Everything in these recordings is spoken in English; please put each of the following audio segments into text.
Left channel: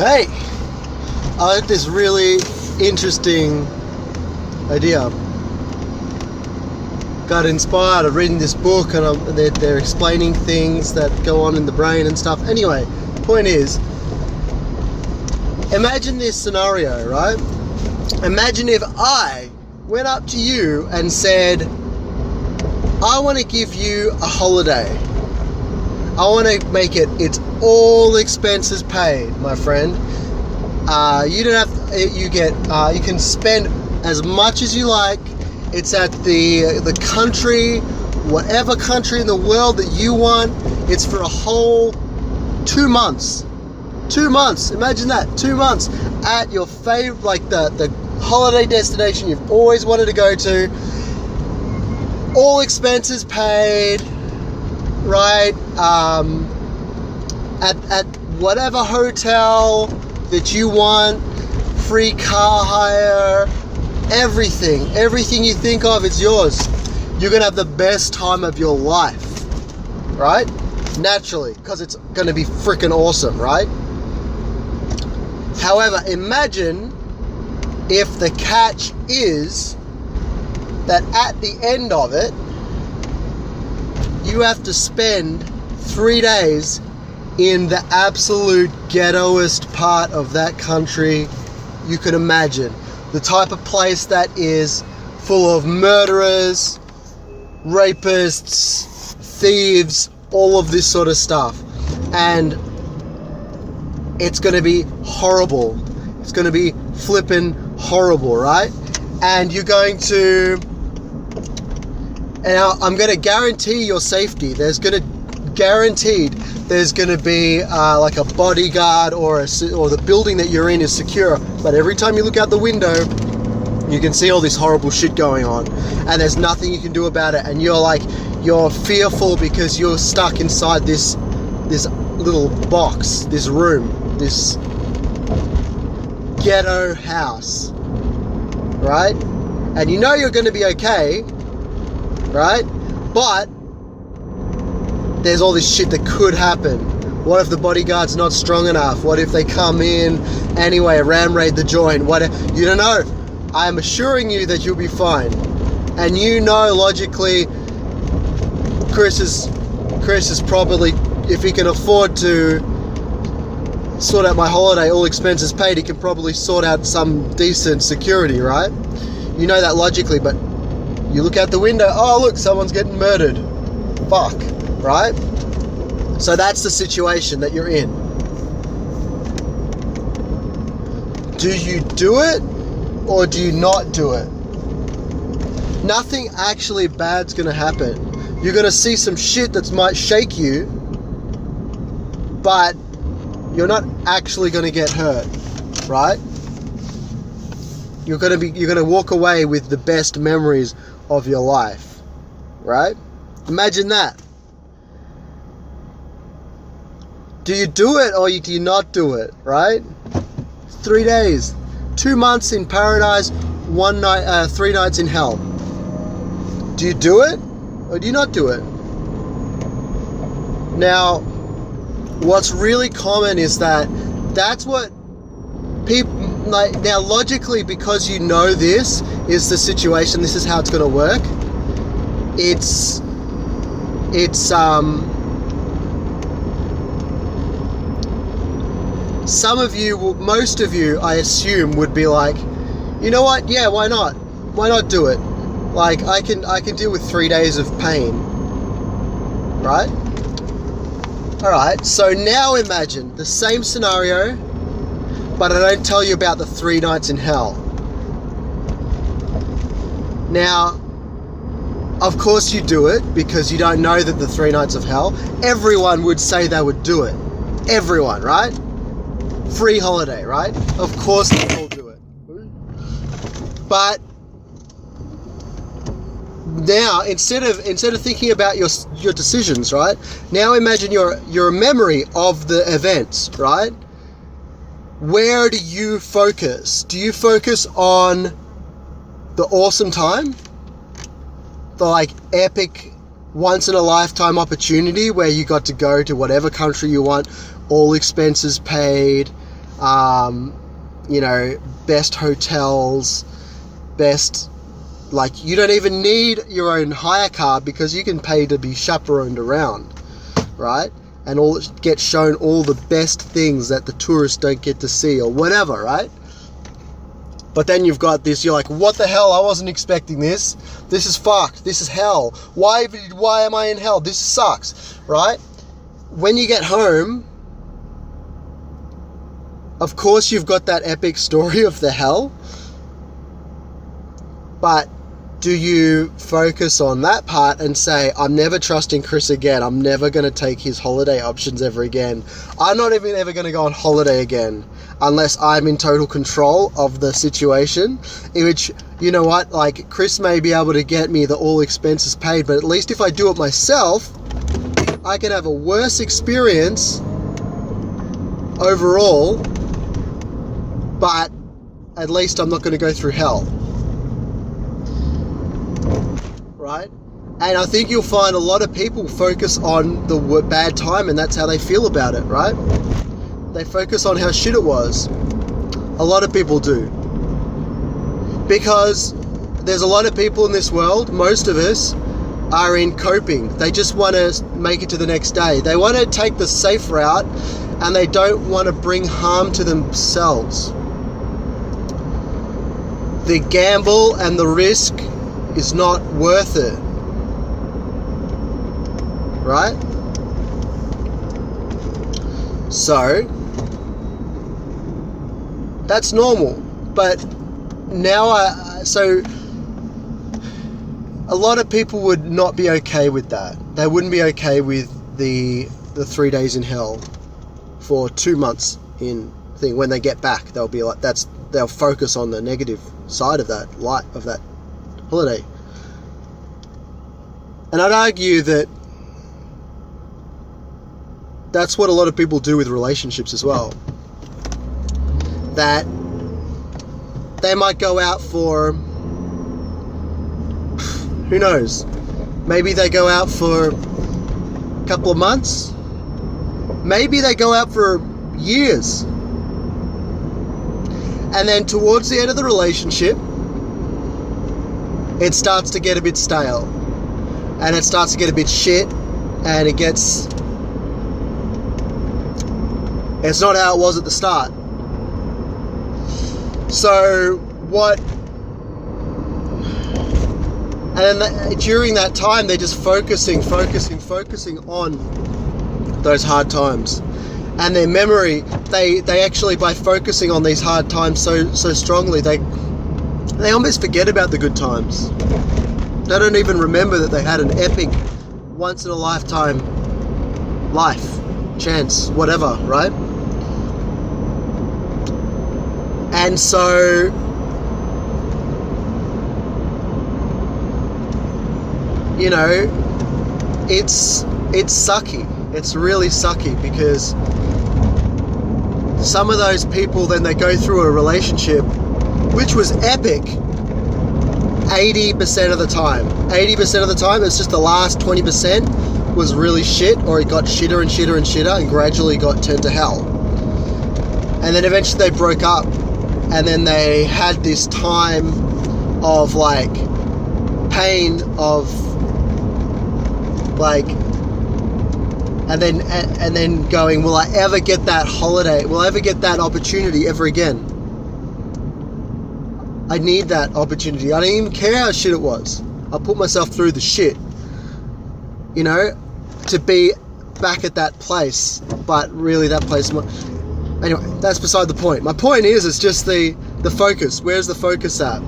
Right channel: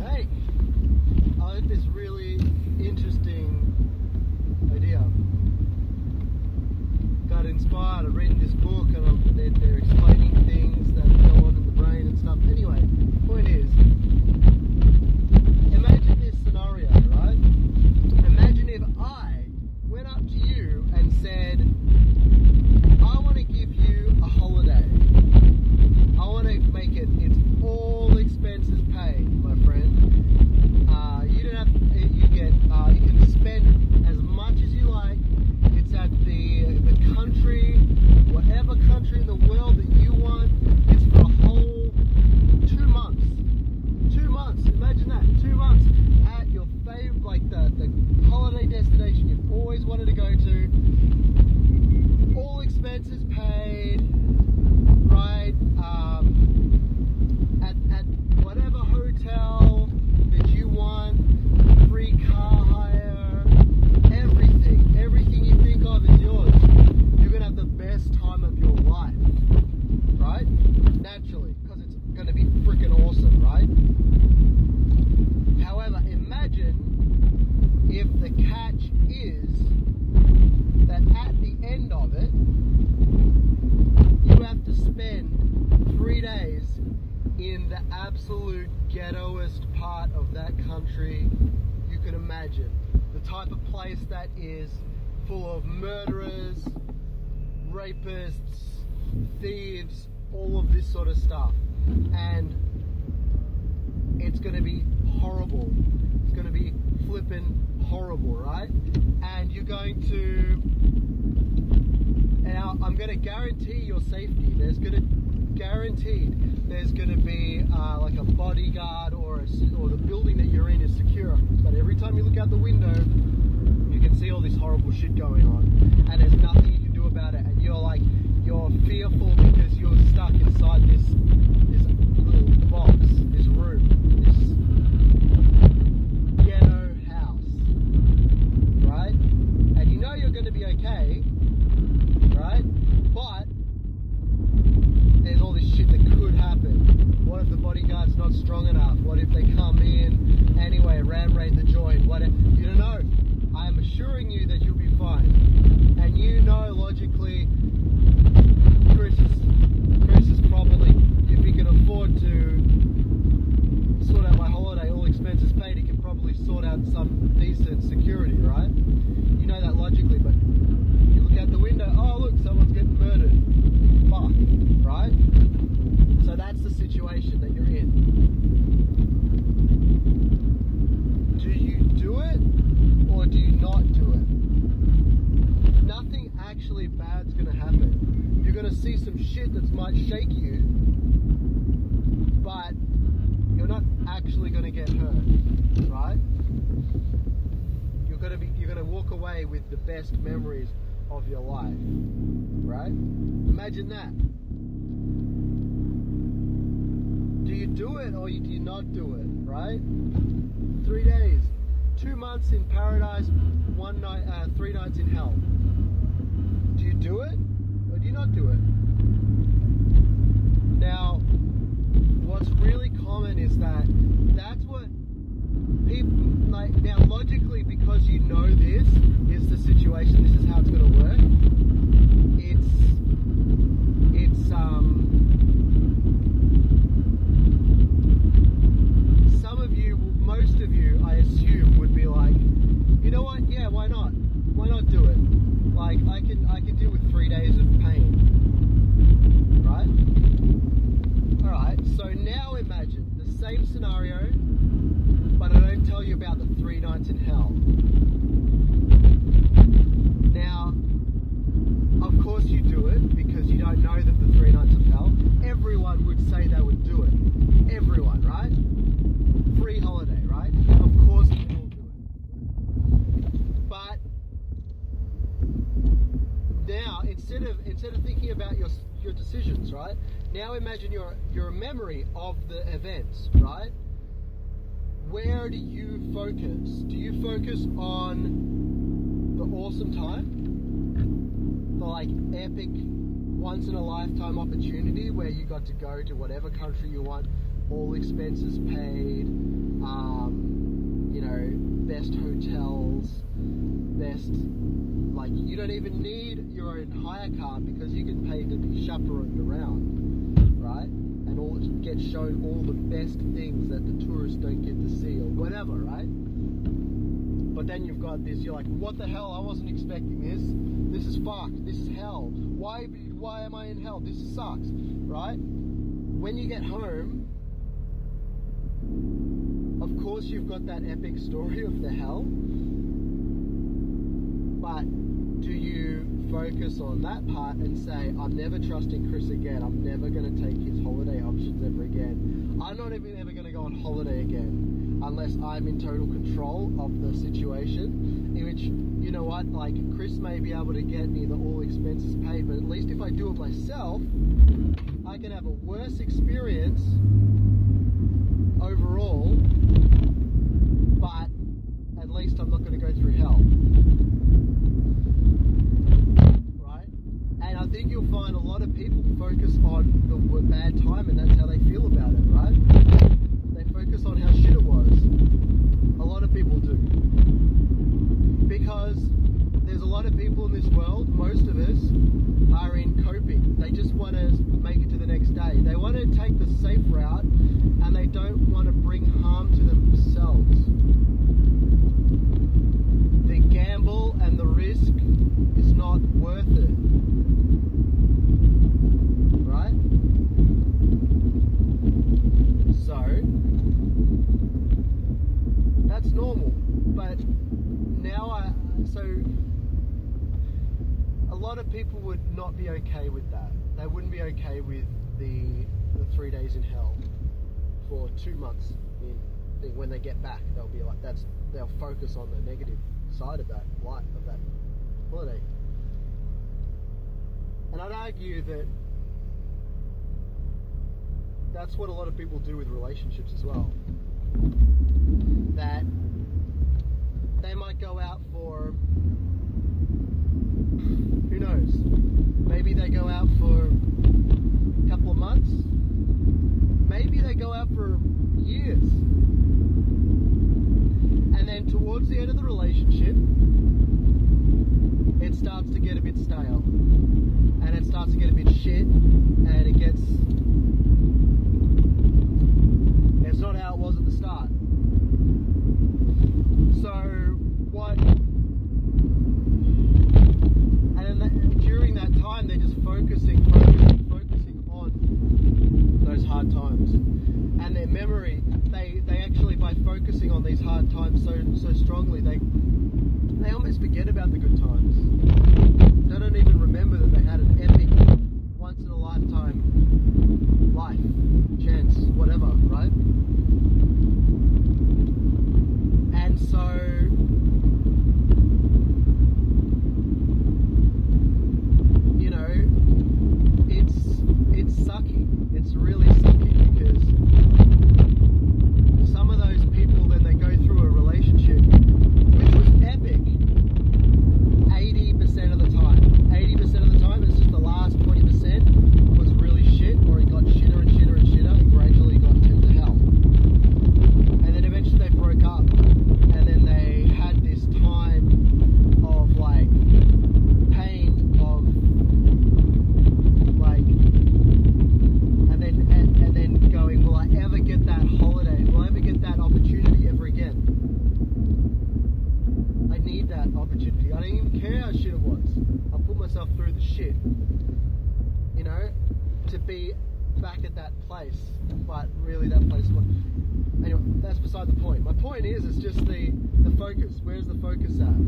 Hey, I had this really interesting idea. Got inspired of reading this book, and they're explaining things that go on in the brain and stuff. Anyway, point is, imagine this scenario, right? Imagine if I went up to you and said, I want to give you a holiday. I want to make it's all expenses paid, my friend. You don't have. You can spend as much as you like. It's at the country, whatever country in the world that you want. It's for a whole 2 months. 2 months. Imagine that. 2 months at your favorite, like the holiday destination you've always wanted to go to. All expenses paid. Right, at whatever hotel that you want, free car hire, everything you think of is yours. You're gonna have the best time of your life, right? Naturally, because it's gonna be freaking awesome, right? However, imagine if the catch is that at the end of it, you have to spend 3 days in the absolute ghettoest part of that country you could imagine. The type of place that is full of murderers, rapists, thieves, all of this sort of stuff. And it's going to be horrible. It's going to be flippin' horrible, right? And you're going to... And I'm going to guarantee your safety. There's going to be like a bodyguard or the building that you're in is secure. But every time you look out the window, you can see all this horrible shit going on, and there's nothing you can do about it. And you're fearful because you're stuck inside this little box, this room, this ghetto house, right? And you know you're going to be okay. Right? But there's all this shit that could happen. What if the bodyguard's not strong enough? What if they come in anyway, ram raid the joint? You don't know. I am assuring you that you'll be fine. And you know logically Chris is probably, if he can afford to sort out my holiday, all expenses paid, he can probably sort out some decent security, right? You know that logically, but you look out the window, oh look, someone's getting murdered. Fuck, right? So that's the situation that you're in. Do you do it or do you not do it? Nothing actually bad's gonna happen. You're gonna see some shit that might shake you, but you're not actually gonna get hurt, right? You're gonna walk away with the best memories of your life, right? Imagine that. Do you do it or do you not do it, right? 3 days, 2 months in paradise, 3 nights in hell. Do you do it or do you not do it? Now, what's really common is that's what people like. Now, logically, because you know this is the situation, this is how it's going to work. Some of you, most of you, I assume, would be like, you know what? Yeah, why not? Why not do it? Like, I can deal with 3 days of pain, right? All right. So now imagine the same scenario, but I don't tell you about the 3 nights in hell. Now, of course you do it because you don't know that the 3 nights of hell. Everyone would say they would do it. Everyone, right? Free holiday, right? Of course they all do it. But now, instead of thinking about your decisions, right? Now imagine your memory of the events, right? Where do you focus? Do you focus on the awesome time, the like epic once in a lifetime opportunity where you got to go to whatever country you want, all expenses paid, best hotels, best, like, you don't even need your own hire car because you can pay to be chaperoned around, right? And get shown all the best things that the tourists don't get to see or whatever, right? But then you've got this, you're like, what the hell? I wasn't expecting this. This is fucked. This is hell. Why am I in hell? This sucks, right? When you get home, of course you've got that epic story of the hell. But do you focus on that part and say, I'm never trusting Chris again. I'm never going to take his holiday options ever again. I'm not even ever going to go on holiday again unless I'm in total control of the situation. In which, you know what, like, Chris may be able to get me the all expenses paid, but at least if I do it myself, I can have a worse experience overall, but at least I'm not going to go through hell. Right? And I think you'll find a lot of people focus on the bad time, and that's how they feel about it, right? They focus on how shit it was. A lot of people do. Because there's a lot of people in this world, most of us, are in coping. They just want to make it to the next day. They want to take the safe route, and they don't want to bring harm to themselves. The gamble and the risk is not worth it, right? So that's normal. But now so a lot of people would not be okay with that. They wouldn't be okay with the 3 days in hell for 2 months in thing. When they get back, they'll be like, they'll focus on the negative side of that holiday. And I'd argue that that's what a lot of people do with relationships as well. That they might go out for, who knows, maybe they go out for a couple of months, maybe they go out for years, and then towards the end of the relationship, it starts to get a bit stale, and it starts to get a bit shit, and it's not how it was at the start. So and then during that time, they're just focusing on those hard times. And their memory, they actually, by focusing on these hard times so strongly, they almost forget about the good times. They don't even remember that they had an epic, once in a lifetime chance, whatever, right? And so, you know, it's sucky. It's really sucky, because some of those people, then they go through a relationship which was epic 80% of the time. 80% of the time, it's just the last 20% was really shit, or it got shitter and shitter and shitter, and gradually got turned to hell. And then eventually they broke up, and then they had this time of like pain of like, and then going, will I ever get that holiday? Will I ever get that opportunity ever again? I need that opportunity. I don't even care how shit it was. I put myself through the shit, you know, to be back at that place. But really, that place. Anyway, that's beside the point. My point is, it's just the focus. Where's the focus at?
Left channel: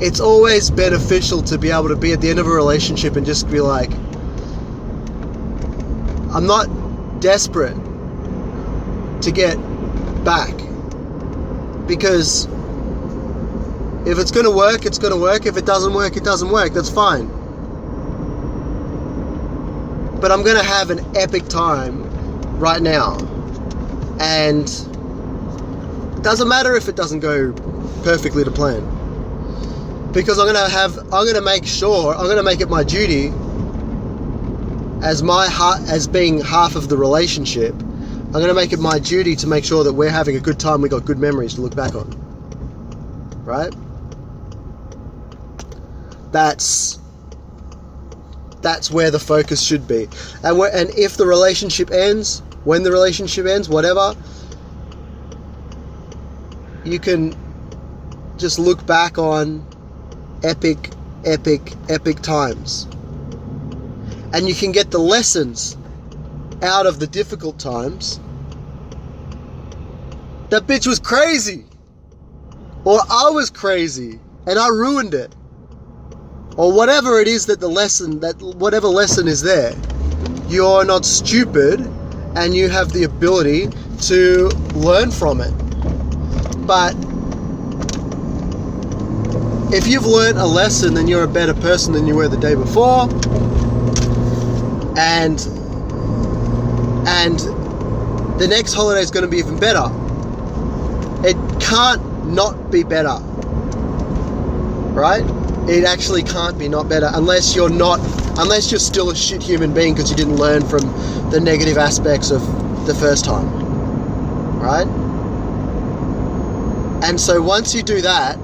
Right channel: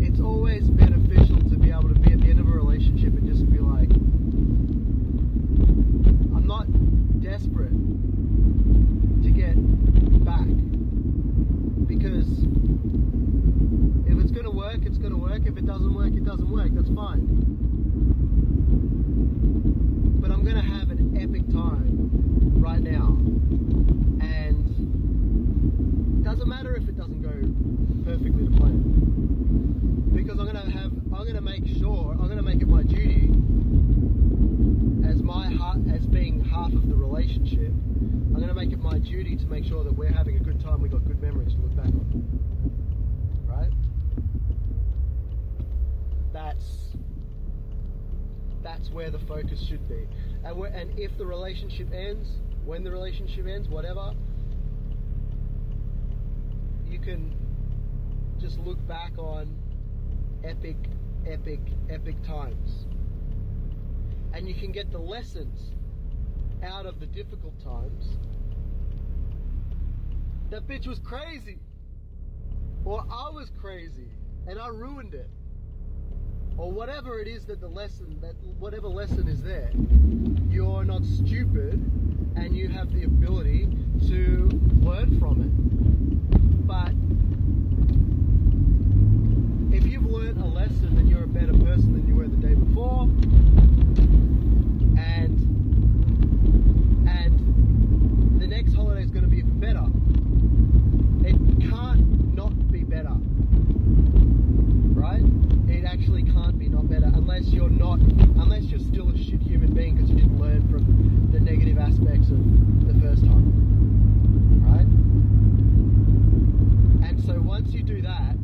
It's always beneficial to be able to be at the end of a relationship and just be like, I'm not desperate to get back, because if it's going to work, it's going to work. If it doesn't work, it doesn't work. That's fine. But I'm going to have an epic time right now, and it doesn't matter if it doesn't go perfectly to plan, because I'm going to make sure, I'm going to make it my duty as being half of the relationship, I'm going to make it my duty to make sure that we're having a good time. We got good memories to look back on. Right? That's where the focus should be. And if the relationship ends, when the relationship ends, whatever, you can just look back on epic times. And you can get the lessons out of the difficult times. That bitch was crazy. Or I was crazy and I ruined it. Or whatever it is whatever lesson is there. You're not stupid and you have the ability to learn from it. But if you've learned a lesson, then you're a better person than you were the day before. And the next holiday is going to be even better. It can't not be better, right? It actually can't be not better unless you're still a shit human being because you didn't learn from the negative aspects of the first time, right? And so once you do that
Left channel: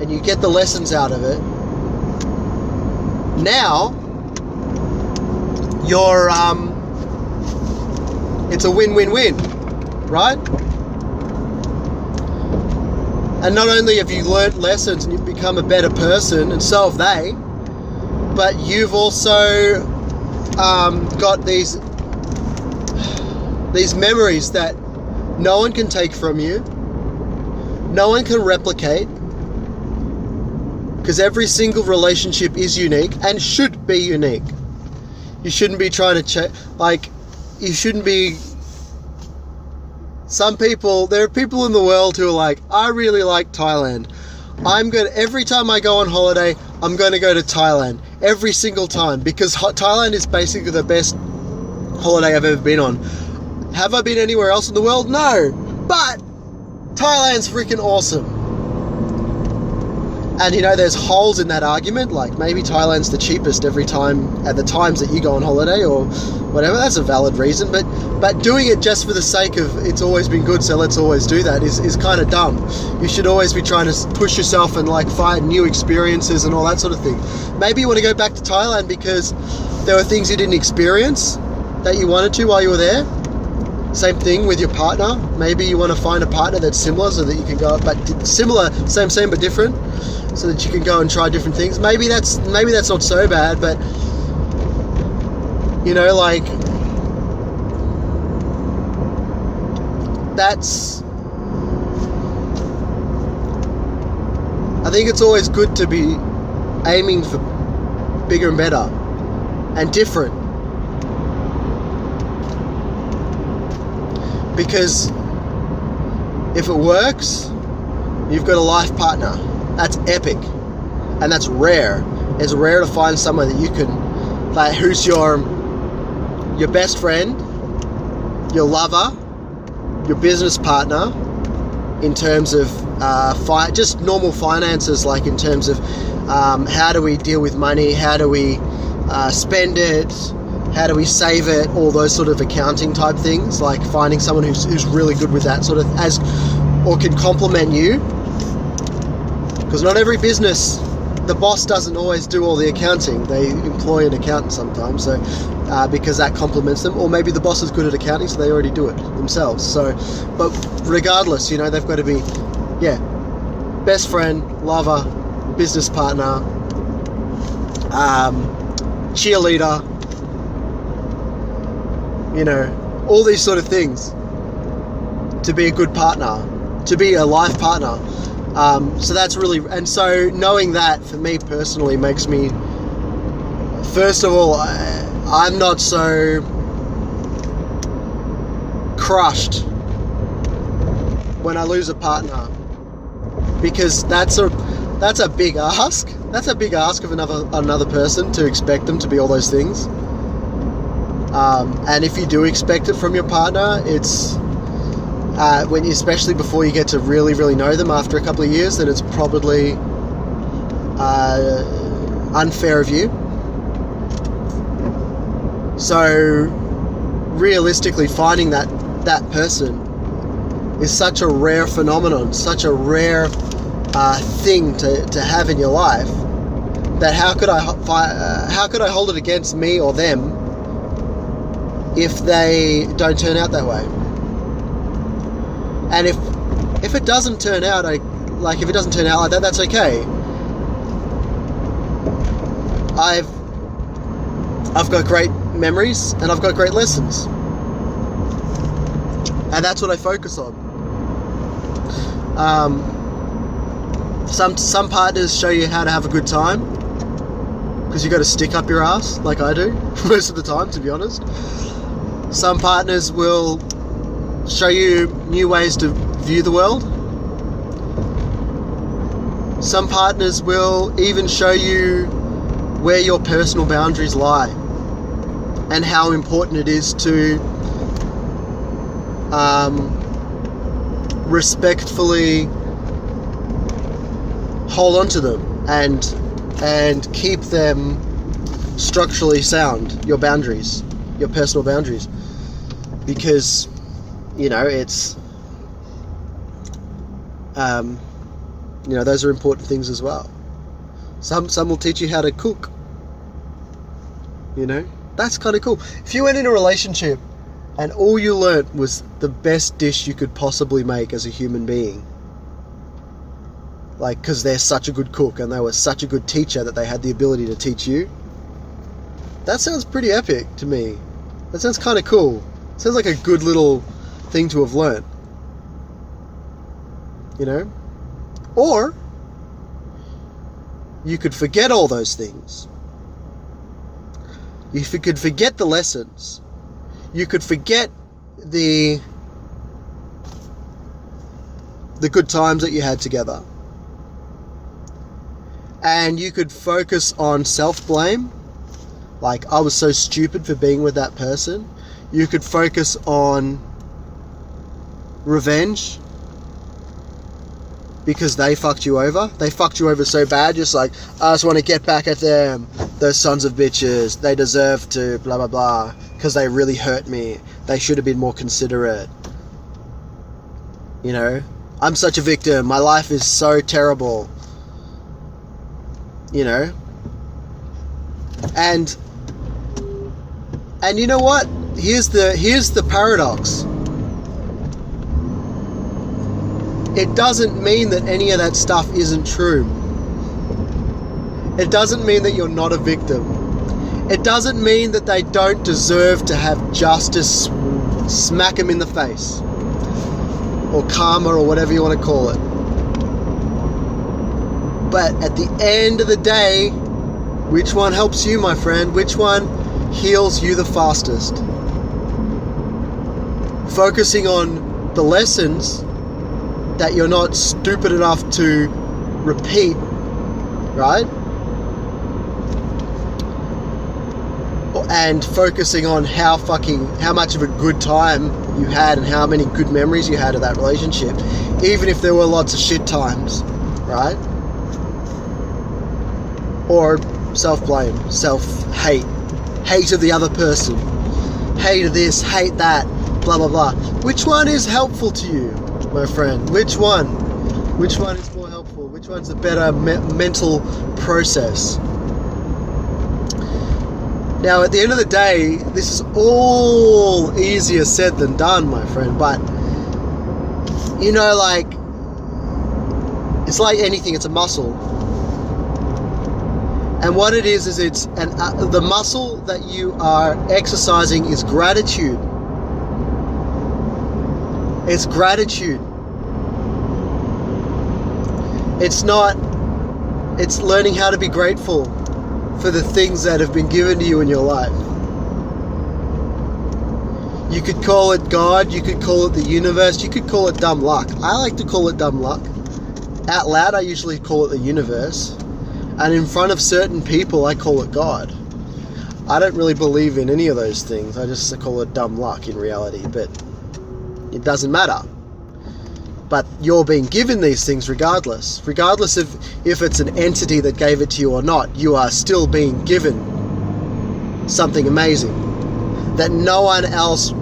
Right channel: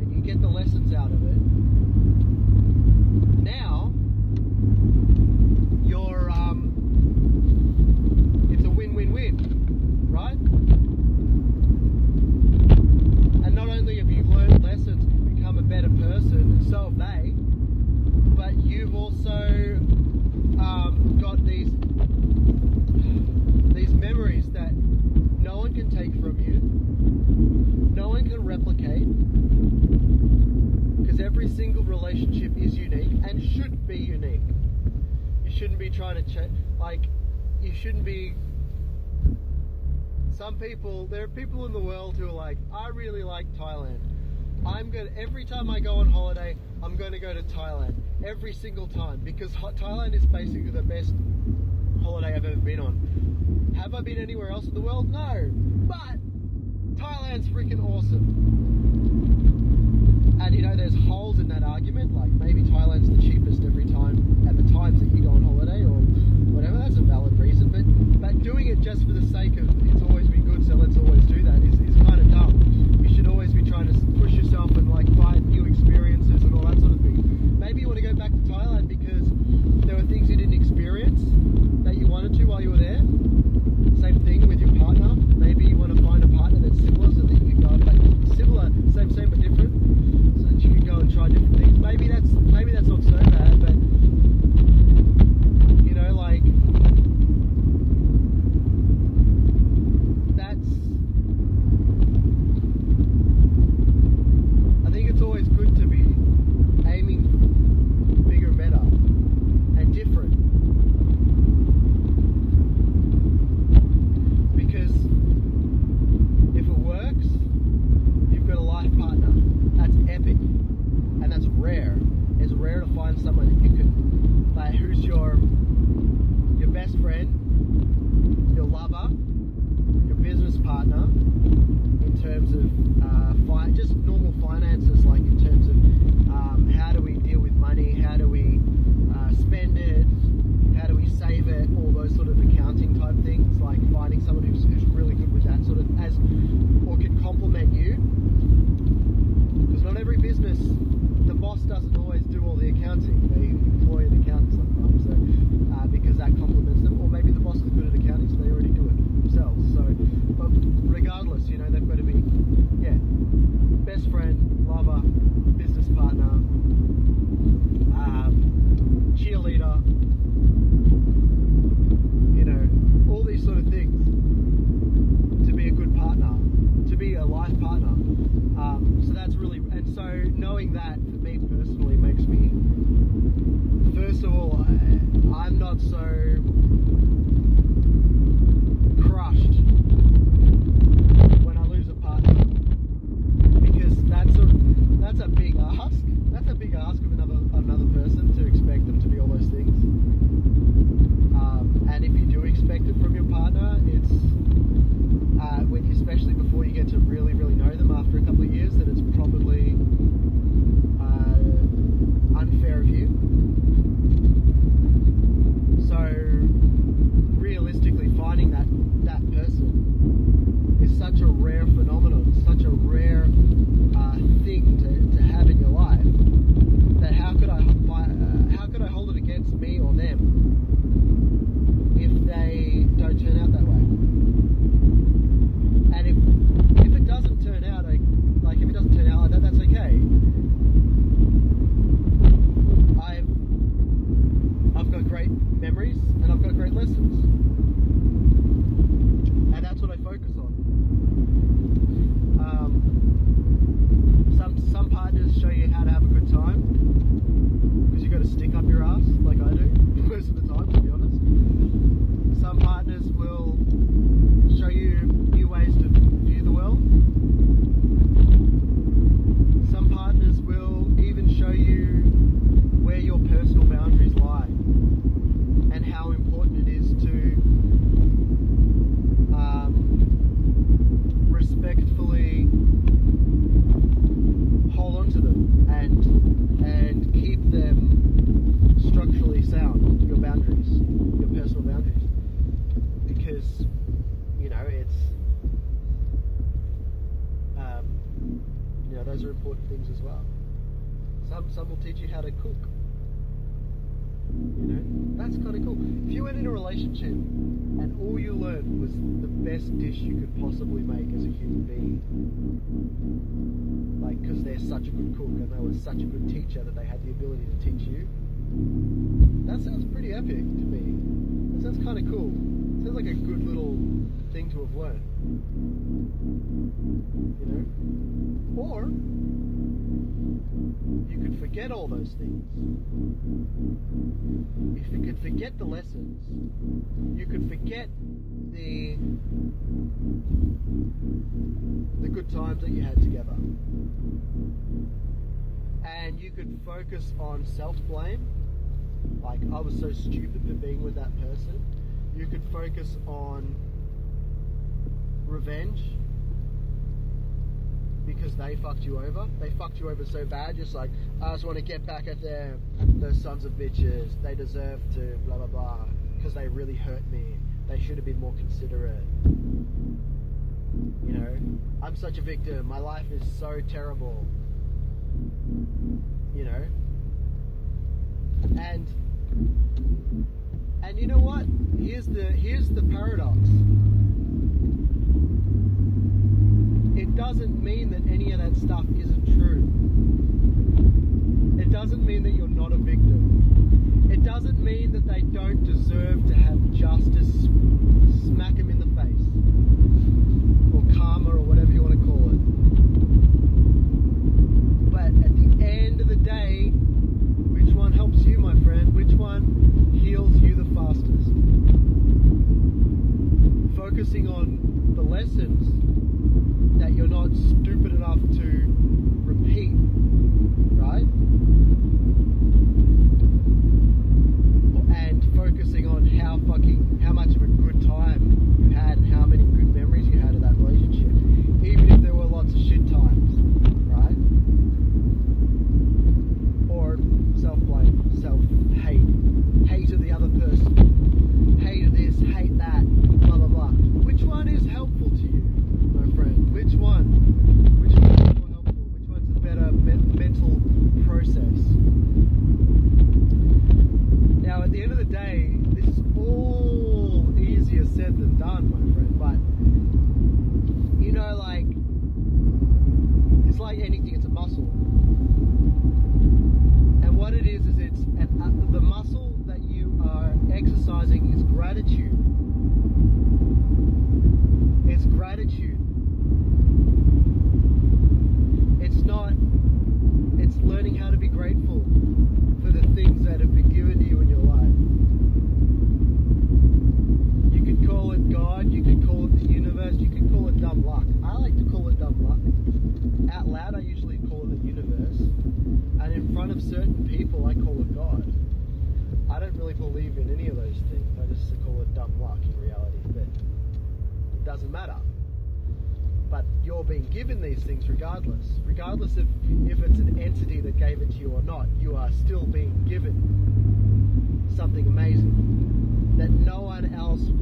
and you get the lessons out of it, now you're it's a win-win-win, right? And not only have you learned lessons and you've become a better person, and so have they, but you've also got these memories that no one can take from you, no one can replicate, because every single relationship is unique and should be unique. You shouldn't be trying to you shouldn't be. There are people in the world who are like, I really like Thailand. Every time I go on holiday, I'm going to go to Thailand. Every single time. Because Thailand is basically the best holiday I've ever been on. Have I been anywhere else in the world? No. But Thailand's freaking awesome. And there's holes in that argument, like maybe Thailand's the cheapest every time at the times that you go on holiday or whatever. That's a valid reason, but doing it just for the sake of it's always been good, so let's always do that is kind of dumb. You should always be trying to push yourself and find new experiences and all that sort of thing. Maybe you want to go back to Thailand because there were things you didn't experience that you wanted to while you were there. Same thing with your partner. Maybe you want to find a partner that's similar so that you can go, but similar, same but different, so that you can go and try different things. Maybe that's not so bad, but I think it's always good to be aiming for bigger and better and different. Because if it works, you've got a life partner. That's epic. And that's rare. It's rare to find someone that you can, who's your best friend, your lover, your business partner, in terms of just normal finances, like in terms of how do we deal with money, how do we spend it, how do we save it, all those sort of accounting type things, like finding someone who's really good with that sort of or can complement you. Because not every business, the boss doesn't always do all the accounting. They employ an accountant sometimes, so because that complements them. Or maybe the boss is good at accounting, so they already do it themselves. So, but regardless, they've got to be, best friend, lover, business partner, cheerleader, all these sort of things to be a good partner, to be a life partner. So that's really, and so knowing that for me personally makes me, first of all, I'm not so crushed when I lose a partner, because that's a big ask. That's a big ask of another person, to expect them to be all those things. And if you do expect it from your partner, it's especially before you get to really, really know them after a couple of years, then it's probably unfair of you. So realistically, finding that that person is such a rare phenomenon, such a rare thing to have in your life, that how could I hold it against me or them if they don't turn out that way? And if it doesn't turn out if it doesn't turn out like that, that's okay. I've got great memories and I've got great lessons, and that's what I focus on. Some partners show you how to have a good time, because you got to stick up your ass like I do most of the time, to be honest. Some partners will show you new ways to view the world. Some partners will even show you where your personal boundaries lie and how important it is to respectfully hold on to them and keep them structurally sound, your boundaries, your personal boundaries, because it's those are important things as well. Some will teach you how to cook. That's kind of cool. If you went in a relationship and all you learnt was the best dish you could possibly make as a human being, like because they're such a good cook and they were such a good teacher that they had the ability to teach you, that sounds pretty epic to me. That sounds kind of cool. It sounds like a good little thing to have learnt. Or you could forget all those things. You could forget the lessons. You could forget the good times that you had together. And you could focus on self-blame, like I was so stupid for being with that person. You could focus on revenge, because they fucked you over. They fucked you over so bad, just like, I just want to get back at them. Those sons of bitches. They deserve to blah, blah, blah. Because they really hurt me. They should have been more considerate. I'm such a victim. My life is so terrible. And you know what? Here's the paradox. It doesn't mean that any of that stuff isn't true. It doesn't mean that you're not a victim. It doesn't mean that they don't deserve to have justice smack them in the face, or karma, or whatever you want to call it. But at the end of the day, which one helps you, my friend? Which one heals you the fastest? Focusing on the lessons that you're not stupid enough to repeat, right? And focusing on how much of a good time you had and how many good memories you had of that relationship, even if there were lots of shit times, right? Or self-blame, self-hate, hate of the other person, hate of this, hate that, blah, blah, blah. Which one is helpful to you, my friend? Which one? Which one is more helpful? Which one's a better mental process? Now, at the end of the day, this is all easier said than done, my friend. But, it's like anything, it's a muscle. And what it is it's the muscle that you are exercising is gratitude. It's gratitude. It's learning how to be grateful for the things that have been given to you in your life. You could call it God, you could call it the universe, you could call it dumb luck. I like to call it dumb luck. Out loud, I usually call it the universe. And in front of certain people, I call it God. I don't really believe in any of those things. I just call it dumb luck in reality, but it doesn't matter. But you're being given these things regardless. Regardless of if it's an entity that gave it to you or not, you are still being given something amazing that no one else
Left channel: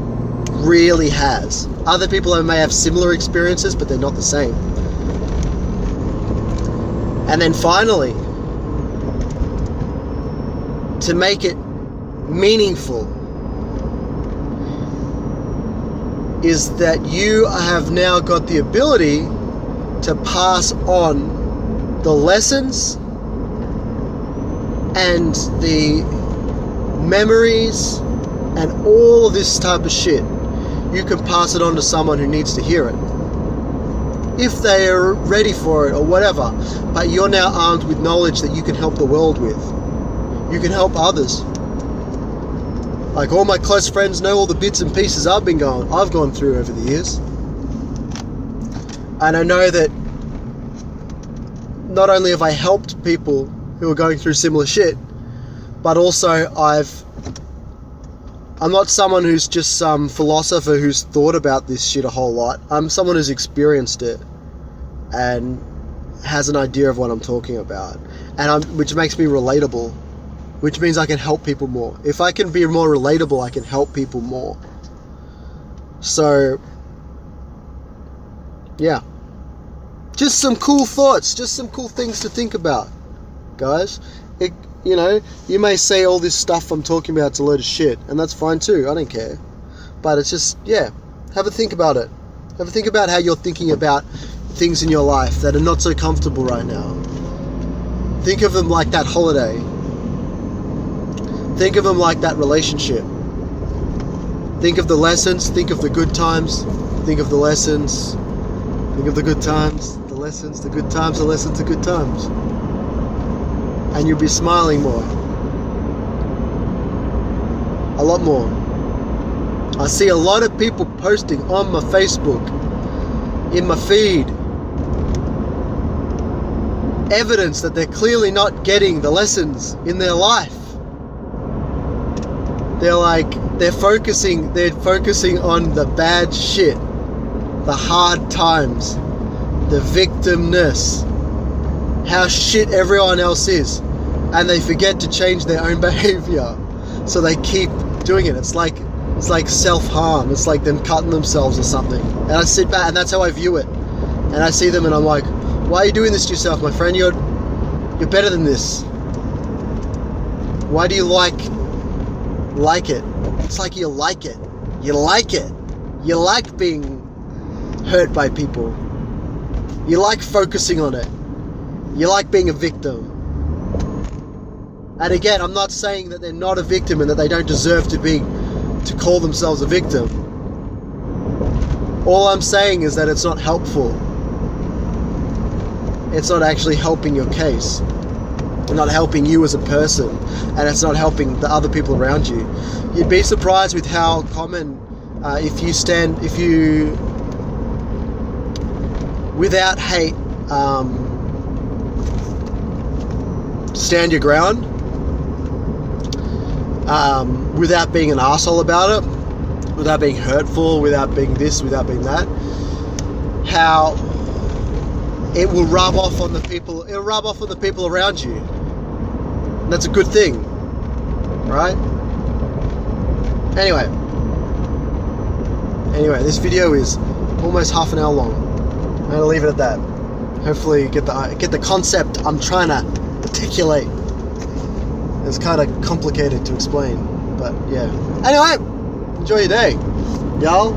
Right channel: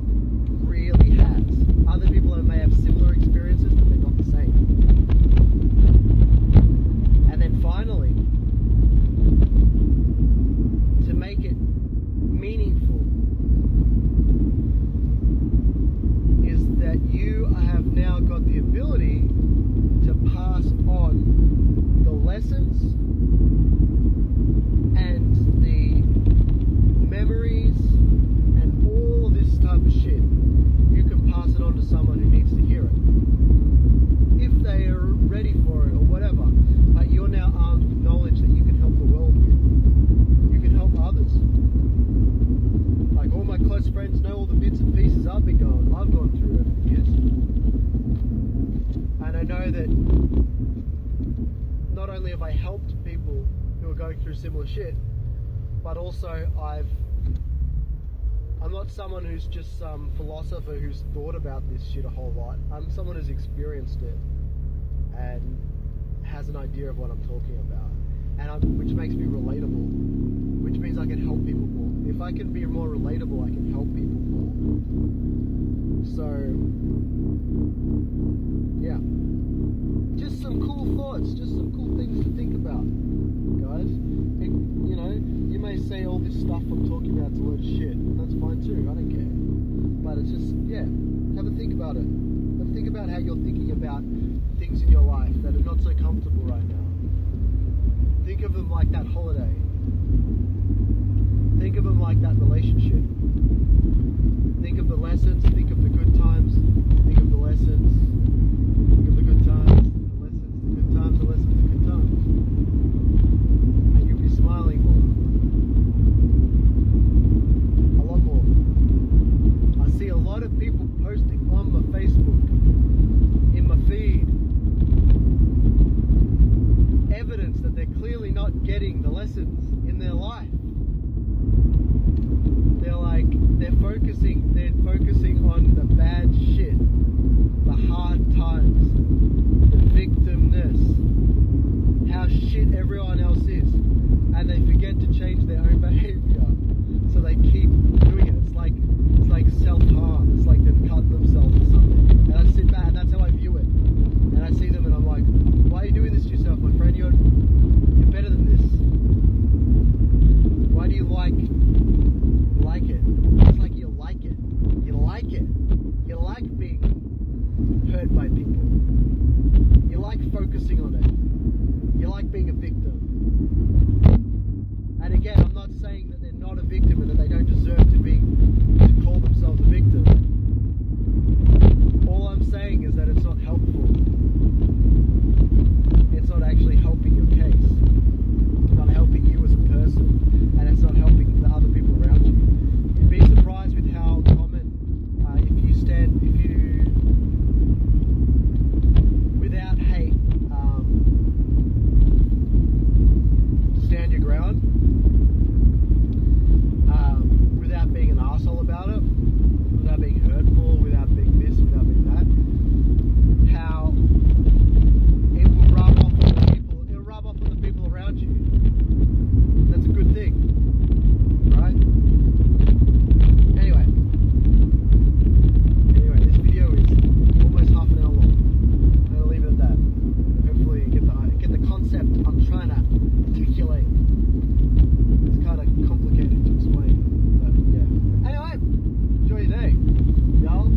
really has. Other people may have similar experiences, but they're not the same. And then finally, to make it meaningful, is that you have now got the ability to pass on the lessons and the memories and all of this type of shit. You can pass it on to someone who needs to hear it, if they are ready for it or whatever. But you're now armed with knowledge that you can help the world with. You can help others. Like, all my close friends know all the bits and pieces I've gone through over the years. And I know that not only have I helped people who are going through similar shit, but also I'm not someone who's just some philosopher who's thought about this shit a whole lot. I'm someone who's experienced it and has an idea of what I'm talking about, which makes me relatable, which means I can help people more. If I can be more relatable, I can help people more. So, yeah. Just some cool thoughts, just some cool things to think about, guys. You may say all this stuff I'm talking about is a load of shit, and that's fine too, I don't care. But it's just, yeah, have a think about it. Have a think about how you're thinking about things in your life that are not so comfortable right now. Think of them like that holiday. Think of them like that relationship. Think of the lessons, think of the good times, think of the lessons, think of the good times, the lessons, the good times, the lessons, the good times. And you'll be smiling more. A lot more. I see a lot of people posting on my Facebook, in my feed, evidence that they're clearly not getting the lessons in their life. They're focusing on the bad shit, the hard times, the victimness, how shit everyone else is, and they forget to change their own behavior, so they keep doing it. It's like self-harm. It's like them cutting themselves or something. And I sit back, and that's how I view it. And I see them, and I'm like, why are you doing this to yourself, my friend? You're better than this. Why do you like it? It's like you like it. You like it. You like being hurt by people. You like focusing on it. You like being a victim. And again, I'm not saying that they're not a victim and that they don't deserve to call themselves a victim. All I'm saying is that it's not helpful. It's not actually helping your case. It's not helping you as a person, and it's not helping the other people around you. You'd be surprised with how common, if you, without hate, stand your ground, without being an asshole about it, without being hurtful, without being this, without being that, how it will rub off on the people. It'll rub off on the people around you. That's a good thing, right? Anyway, this video is almost half an hour long. I'm gonna leave it at that. Hopefully, you get the concept I'm trying to articulate. It's kind of complicated to explain, but yeah. Anyway, enjoy your day, y'all.